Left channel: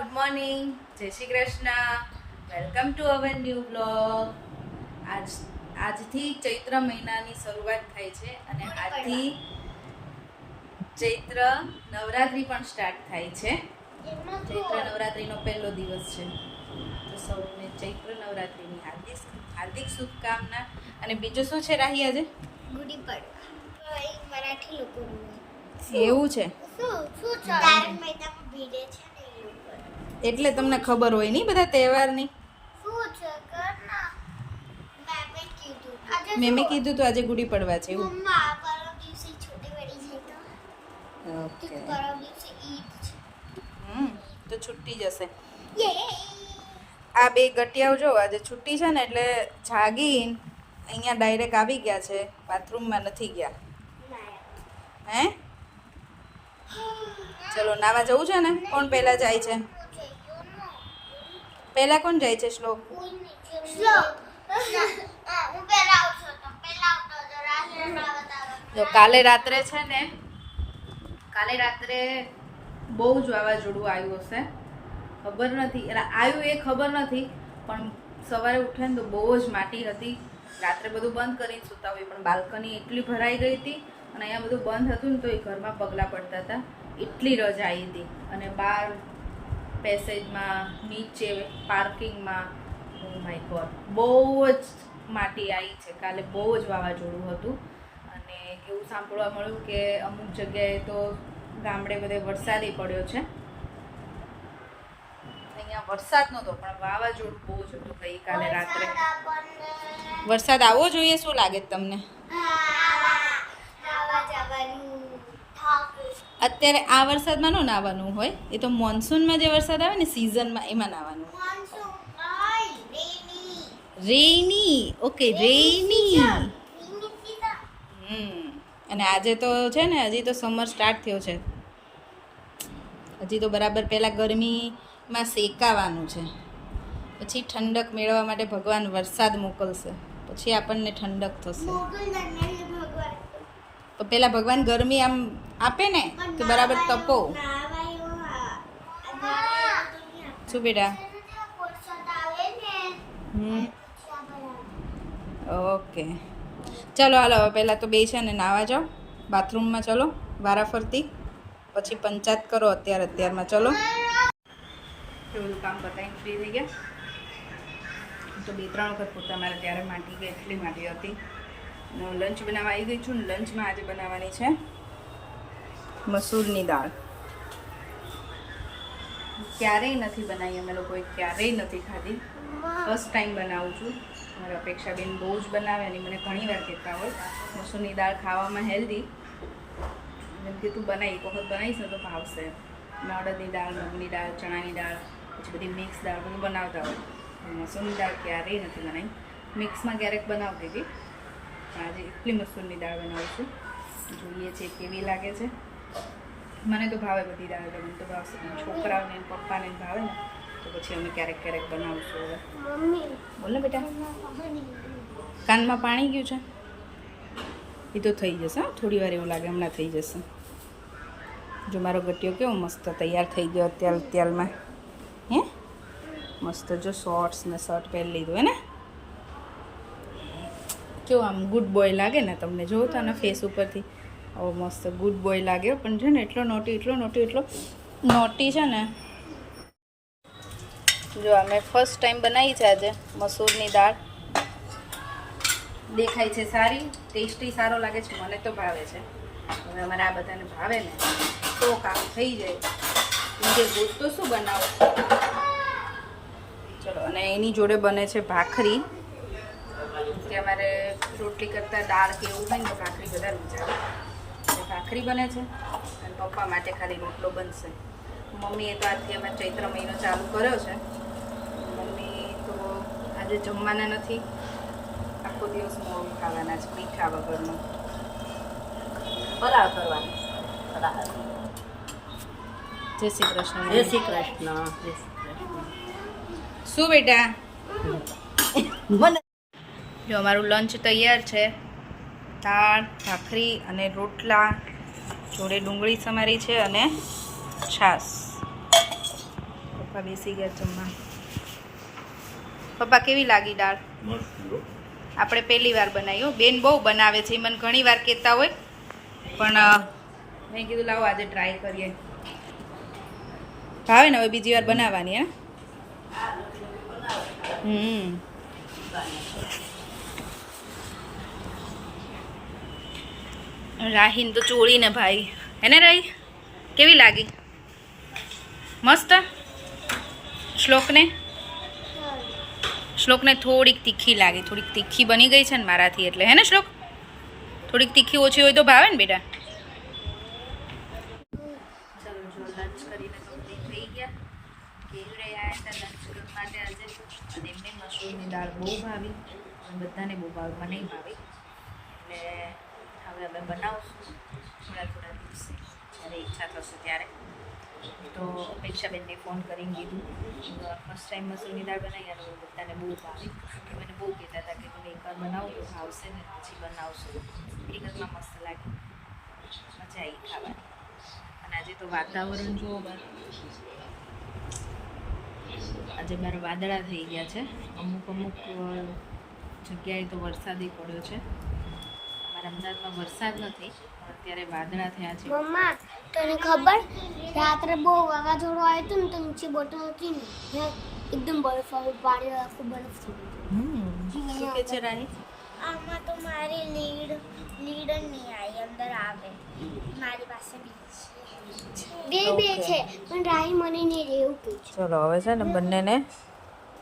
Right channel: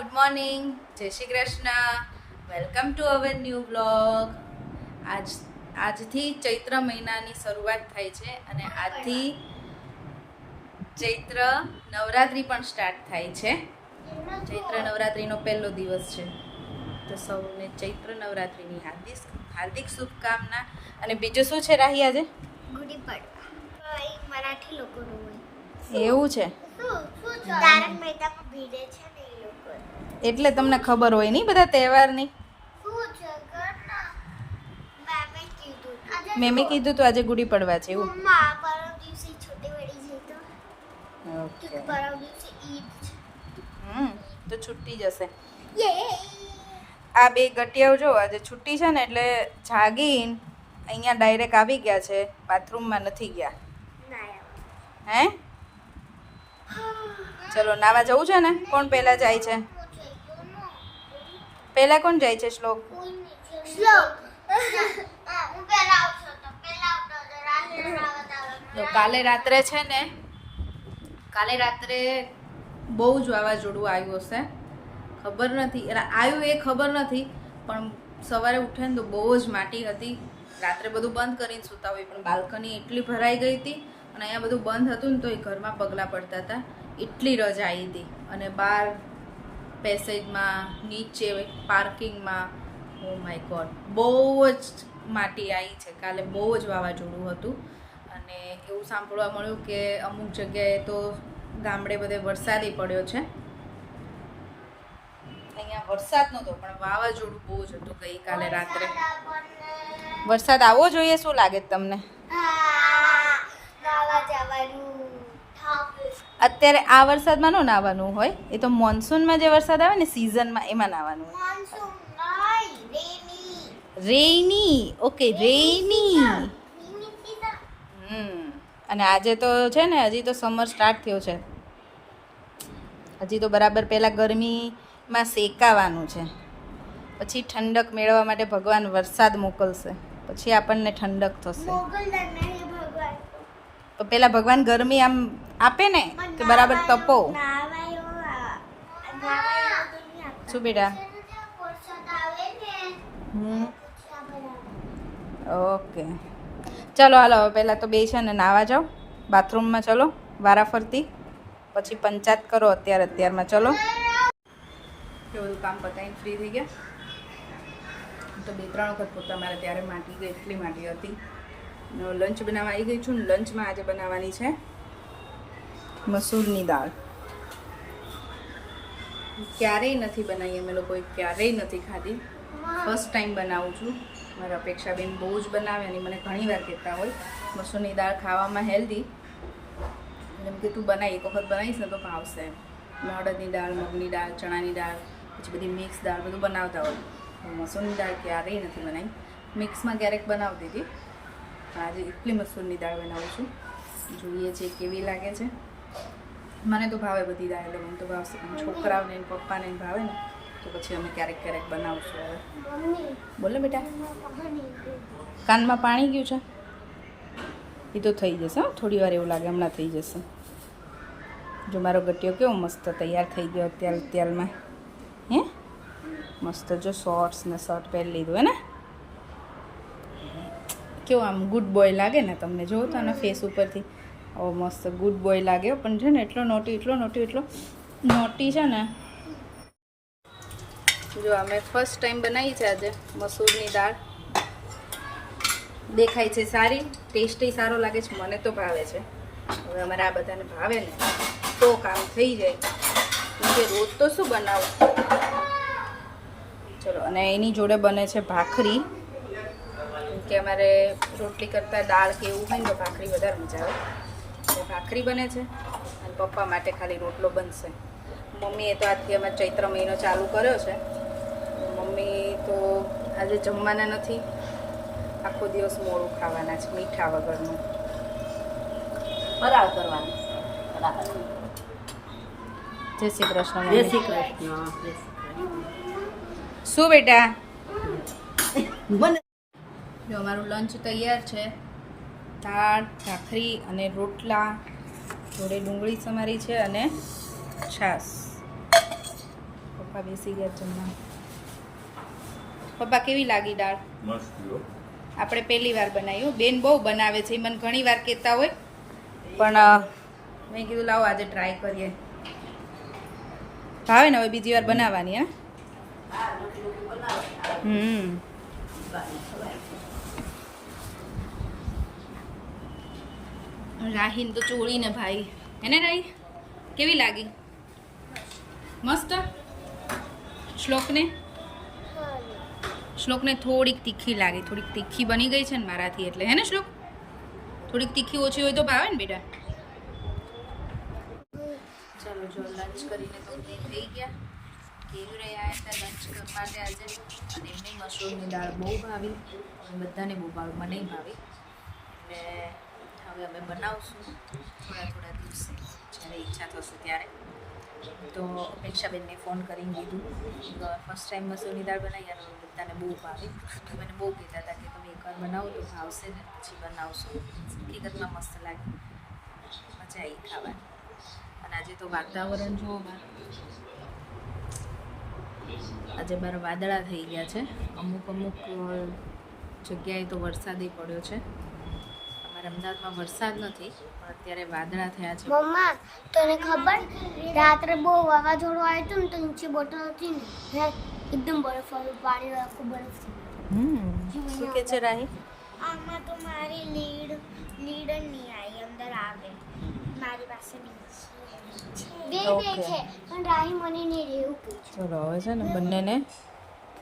Good morning, જય Shri Krishna. Welcome to our new blog. આજથી ચૈત્ર મહિનાની શરૂઆત થાય છે અને આજથી ચૈત્ર નવરાત્રિ પણ સ્ટાર્ટ થાય છે. ચૈત્ર નવરાત્રિનો પહેલો દિવસ છે, તો સૌને ચૈત્ર નવરાત્રિની હાર્દિક શુભકામના. અને બીજું શું છે રાહી આજે? ગુડી પડવા. મરાઠી લોકોનું એવું છે, તારક મહેતામાં ભીડે છે ને એ લોકો, એટલે તમને ખબર હોય નહીં બધા તહેવારની. મેં કીધું તો આજે ગુડી પડવા છે એવું. મમ્મા પરમ દિવસે છૂટી પડી જાય તો ઓકે, પરમ દિવસે ઈદ છે. તો છૂટી જશે. આ બે ગટિયાઓ જો આજે છુટ્ટી છે ને એટલે જાગીને અહીંયા ડાયરેક્ટ આવી ગયા છે, બાથરૂમમાં નથી ગયા. હે ચલો નાવા જવું છે ને? કોણ પહેલા જાય છે? પહેલા કોણ જાય છે? શ્લોક. જો કાલે રાત્રે છે ને, કાલે રાત્રે બહુ જ વાવાઝોડું આવ્યું હશે, ખબર નથી. આવ્યું એ ખબર નથી, પણ સવારે ઉઠે ને તો બહુ જ માટી હતી. રાત્રે બધું બંધ કરીને સૂતા હોય, પણ બાલ્કની એટલી ભરાઈ ગઈ હતી અને અહીંયા બધું બંધ હતું ને તો એ ઘરમાં પગલાં પડતા હતા, એટલી રજા આવી હતી. અને બહાર પેસેજમાં, નીચે પાર્કિંગમાં, ઓ માય ગોડ, બહુ જ માટી આવી છે. કાલે બહુ જ વાવાઝોડું હતું અને એવું સાંભળવા મળ્યું કે અમુક જગ્યાએ તો ગામડે બધે વરસાદી પડ્યો છે. અહીંયા વરસાદ નહોતો પણ વાવાઝોડું બહુ જ હતું ગઈકાલે રાત્રે. વરસાદ આવવો જોઈએ, શું લાગે તમને? અત્યારે આ વરસાદમાં ન નાહવાનું હોય, એ તો મોન્સૂનમાં જે વરસાદ આવે ને સિઝનમાં એમાં નાહવાનું હોય. રેઇની, ઓકે રેઇની. અને આજે તો છે ને, હજી તો સમર સ્ટાર્ટ થયો છે, હજી તો બરાબર પહેલાં ગરમીમાં શેકાવાનું છે, પછી ઠંડક મેળવવા માટે ભગવાન વરસાદ મોકલશે, પછી આપણને ઠંડક થશે. તો પેલા ભગવાન ગરમી આમ આપે ને કે બરાબર તપો. શું બેટા? ઓકે ચાલો હાલો, હવે પહેલાં તો બે છે ને નાવા જાઓ, બાથરૂમમાં ચલો વારાફરતી, પછી પંચાયત કરો અત્યારમાં. ચલો, એ બધું કામ પતાવીને ફ્રી થઈ ગયા. તો 2-3 વખત પોતા મારે ત્યારે માટી ગઈ, એટલી માટી હતી. લંચ બનાવવા આવી ગઈ છું ને. લંચમાં આજે બનાવવાની છે મસૂરની દાળ. ક્યારેય નથી બનાવી, અમે લોકોએ ક્યારેય નથી ખાધી, ફર્સ્ટ ટાઈમ બનાવું છું. મારા અપેક્ષાબેન બહુ જ બનાવે અને મને ઘણી વાર કહેતા હોય મસૂરની દાળ ખાવામાં હેલ્ધી, જેમ કે તું બનાવી, એક વખત બનાવીશ ને તો ભાવશે. મેં અડદની દાળ, મગની દાળ, ચણાની દાળ, પછી બધી મિક્સ દાળ બધું બનાવતા હોય. મસૂરની દાળ ક્યારેય નથી બનાવી. મિક્સમાં ક્યારેક બનાવતી હતી, પણ આજે એટલી મસૂરની દાળ બનાવું છું. જોઈએ છે કેવી લાગે છે. મને તો ભાવે બધી દાળ, એટલે મને તો ભાવશે, પણ છોકરાઓને પપ્પાને ભાવે ને તો પછી અમે ક્યારેક બનાવશું. હવે બોલ ને બેટા, કાનમાં પાણી ગયું છે? એ તો થઈ જશે, થોડી વાર એવું લાગે, હમણાં થઈ જશે. જો મારો ગટિયો કેવો મસ્ત તૈયાર થઈ ગયો અત્યારમાં. હે મસ્ત, જો શોર્ટ્સ ને શર્ટ પહેરી લીધું હે ને, કેવો આમ ગુડ બોય લાગે ને તમને? જોવો તો આના ફેસ ઉપરથી ઓ મસ્ત ગુડ બોય લાગે. પણ છે ને એટલો નોટી છે ને. જો અમે ફર્સ્ટ ટાઈમ બનાવી છે આજે મસૂરની દાળ. દેખાય છે સારી, ટેસ્ટી સારો લાગે છે, મને તો ભાવે છે. હવે અમારે આ બધાને ભાવે ને તો કામ થઈ જાય, કેમકે રોજ તો શું બનાવું. ચલો, અને એની જોડે બને છે ભાખરી, કે અમારે રોટલી કરતાં દાળ કે એવું હોય ને તો ભાખરી વધારે મજા આવે. એટલે ભાખરી બને છે અને પપ્પા માટે ખાલી રોટલો બનશે. મમ્મીએ તો આજથી અમે ચૈત્ર મહિનો ચાલુ કર્યો છે. મમ્મી તો આજે જમવાના નથી, આખો દિવસ મોડું ખાવાના છે, મીઠા વગરનું ફરાળ કરવાનું. જય શ્રી કૃષ્ણ. જય શ્રી કૃષ્ણ. શું બેટા? જો અમારું લંચ તૈયાર છે, દાળ, ભાખરી અને રોટલા, જોડે ડુંગળી સમારી છે અને છાશ. પપ્પા બેસી ગયા જમવા. પપ્પા કેવી લાગી દાળ? મસ્ત જો. આપણે પહેલી વાર બનાવ્યું. બેન બહુ બનાવે છે, એ મને ઘણી વાર કહેતા હોય, પણ મેં કીધું લાવો આજે ટ્રાય કરીએ. ભાવે ને હવે બીજી વાર બનાવવાની હે. રાહીન તો ચોળી ને ભાઈ હે ને રાહી, કેવી લાગી? મસ્ત. શ્લોકને થોડીક તીખી લાગી, થોડીક તીખી બની ગઈ છે ને મારાથી, એટલે હે ને શ્લોક? થોડીક તીખી ઓછી હોય તો ભાવે ને બેટા. ચલો જો લંચ કરીને કમ્પ્લીટ થઈ ગયા. કેવી રહ્યા હતા લંચ માટે આજે, અને એમને મસૂરની દાળ બહુ ભાવી, બધાને બહુ ભાવી, મને ભાવી. એટલે હવે અમે બનાવશું થોડા દિવસે, જ્યારે ઈચ્છા થશે ત્યારે. તો અપેક્ષાબેનને ફોન કરીને કીધું, ફર્સ્ટ ટાઈમ મસૂરની દાળ બનાવી અને બધાને બહુ ભાવી. એ મને બહુ કહેતા હતા કે તમે એકવાર બનાવો તો ભાવશે ને પછી બનાવશું. હકીકતમાં મસ્ત લાગી, મજા આવી ખાવાની. અને આજે તો વાતાવરણ જુઓ બહાર, આજે બહાર વાદળા થઈ ગયા છે. અમુક જગ્યાએ તો વરસાદ પડ્યો છે. અમારા અમદાવાદમાં વરસાદ નથી, પણ અત્યારે વાદળા થયા છે. મમ્મા તને ખબર રાત્રે બહુ વાવાઝોડું આવ્યું હતું ને, તો નીચે બોટલ હતી ને, હે એકદમ બરફ વાળું પાણી, આખું બરફ થઈ ગયું. શું કે છે રાહી? આમાં તો મારી લીડ નહીં આવી, અંદર આવે. મારી પાસે બે છે પણ રાહી મને નહીં રહેવું કે છે. ચલો હવે છે ને બંનેને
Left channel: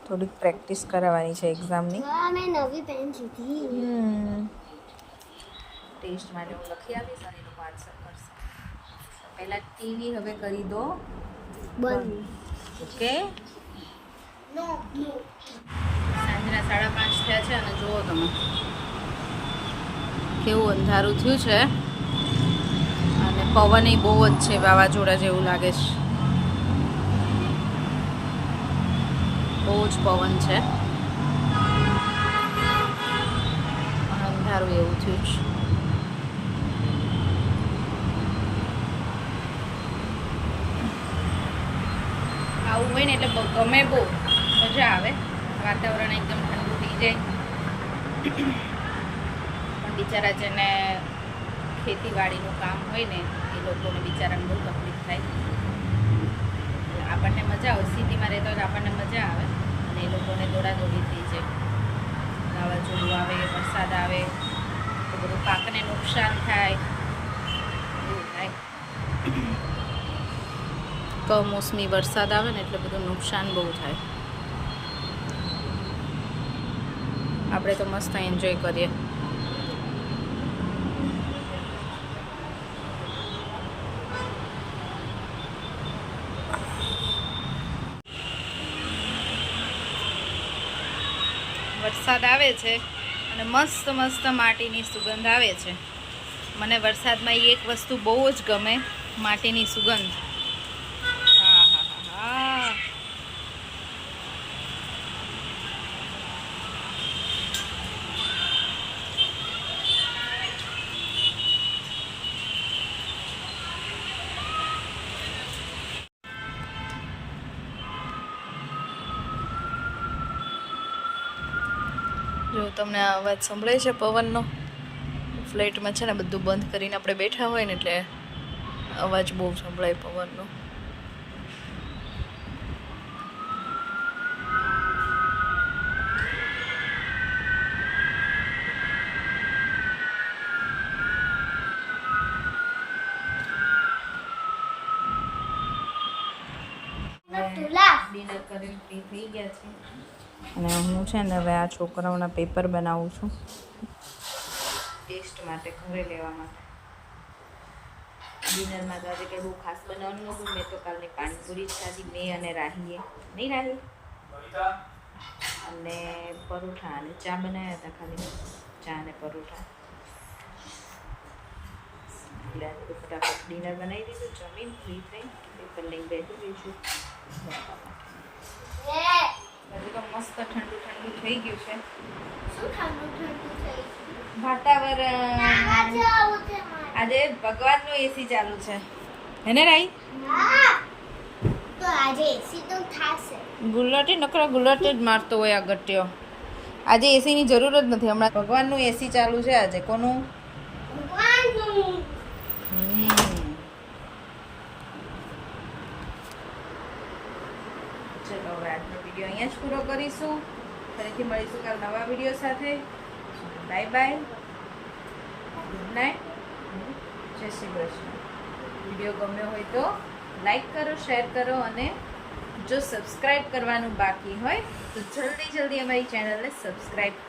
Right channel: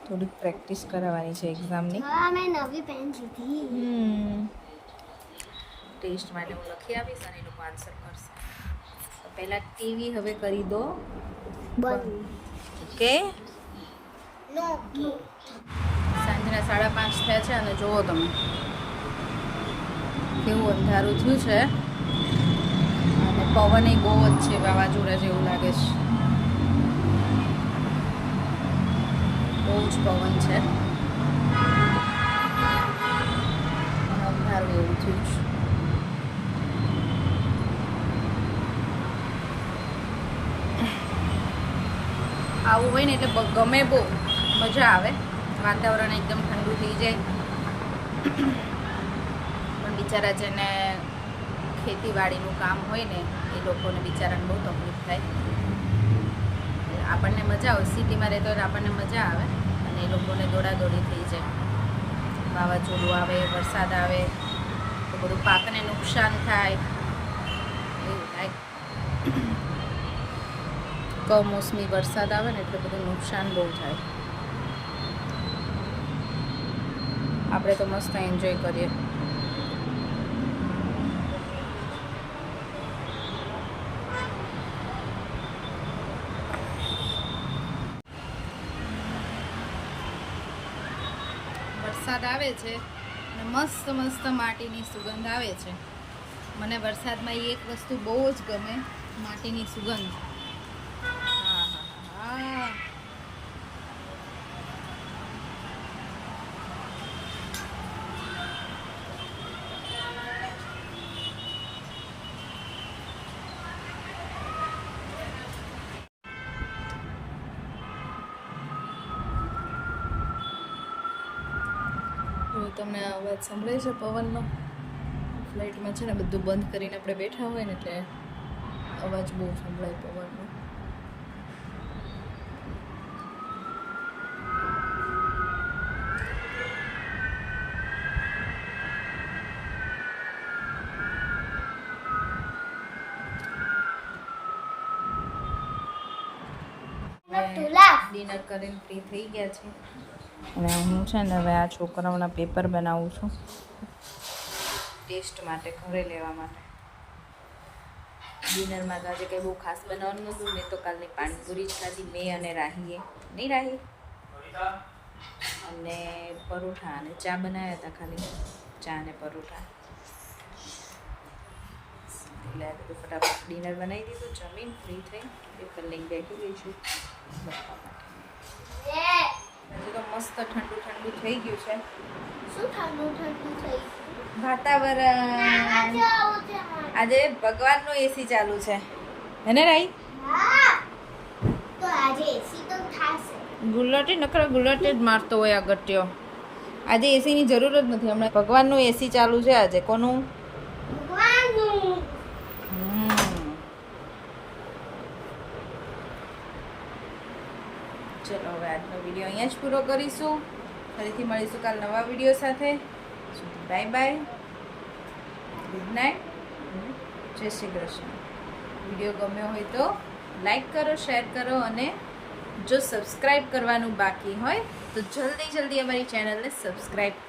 થોડીક પ્રેક્ટિસ કરાવવાની છે એક્ઝામની. હા મેં નવી પેન લીધી. ટેસ્ટ માટે હું લખી આપીશ અને એ લોકો આન્સર કરશે. તો પહેલાં ટીવી હવે કરી દો બંધ. ઓકે, નો સાંજના 5:30 થયા છે અને જુઓ તમે કેવું અંધારું થયું છે, અને પવન બહુ જ છે, વાવાઝોડા જેવું લાગે છે. બહુ જ પવન છે અને અંધારું એવું થયું છે. આવું હોય ને એટલે ગમે, બહુ મજા આવે. વાતાવરણ એકદમ ઠંડુ થઈ જાય. પણ બિચારા જેને ખેતીવાડીનું કામ હોય ને એ લોકોને બિચારાને બહુ તકલીફ થાય. આપણને મજા આવે, સિટીમાં રહેતો હોય આપણને મજા આવે, અને એ લોકોને દોડાદોડી થઈ જાય. વાવાઝોડું આવે, વરસાદ આવે તો બધું પાકને નુકસાન થાય, એવું થાય. કમોસમી વરસાદ આવે ને એટલે બધું નુકસાન બહુ થાય. આપણે તો મસ્ત એન્જોય કરીએ. વરસાદ આવે છે અને મસ્ત મસ્ત માટીની સુગંધ આવે છે. મને વરસાદમાં એ એક વસ્તુ બહુ જ ગમે, માટીની સુગંધ. હા હા હા હા. જો તમને આ અવાજ સંભળાય છે પવનનો? ફ્લેટમાં છે ને બધું બંધ કરીને આપણે બેઠા હોય ને એટલે અવાજ બહુ સંભળાય પવનનો. ડિનર કરીને ફ્રી થઈ ગયા છે અને હું છે ને હવે આ છોકરાઓના પેપર બનાવું છું ટેસ્ટ માટે, ઘરે લેવા માટે. ડિનરમાં તો આજે કંઈ બહુ ખાસ બનાવવાનું નહોતું. મેં તો કાલની પાણીપુરી જ ખાધી, મેં અને રાહીએ. નહીં રાહી? અને પરોઠા અને ચા બનાવ્યા હતા, ખાલી ચા અને પરોઠા. એટલે આજે તો ફટાફટ ડિનર બનાવી દીધું, જમીન ફ્રી થઈ પેપર લઈને બેઠી ગઈ છું લખવા માટે. હજી તો મસ્ત ઠંડુ ઠંડુ થઈ ગયું છે. શું ઠંડુ ઠંડુ થઈ ગયું? વાતાવરણ આજે ભગવાનનું એસી ચાલુ છે, હે ને રાઈ? તો આજે એસી તો થાશે. ગુલાટી નકરા ગુલાટી જ મારતો હોય આ ગટ્યો. આજે એસીની જરૂર જ નથી. હમણાં ભગવાનનું એસી ચાલુ છે આજે. કોનું? ભગવાનનું. ચલો હવે આજનો વિડીયો અહીંયા જ પૂરો કરીશું. ફરીથી મળીશું કાલ નવા વિડીયો સાથે. બાય બાય, ગુડ નાઇટ, જય શ્રી કૃષ્ણ. વિડીયો ગમ્યો હોય તો લાઈક કરો, શેર કરો અને જો સબસ્ક્રાઈબ કરવાનું બાકી હોય તો જલ્દી અમારી ચેનલને સબસ્ક્રાઈબ કરો.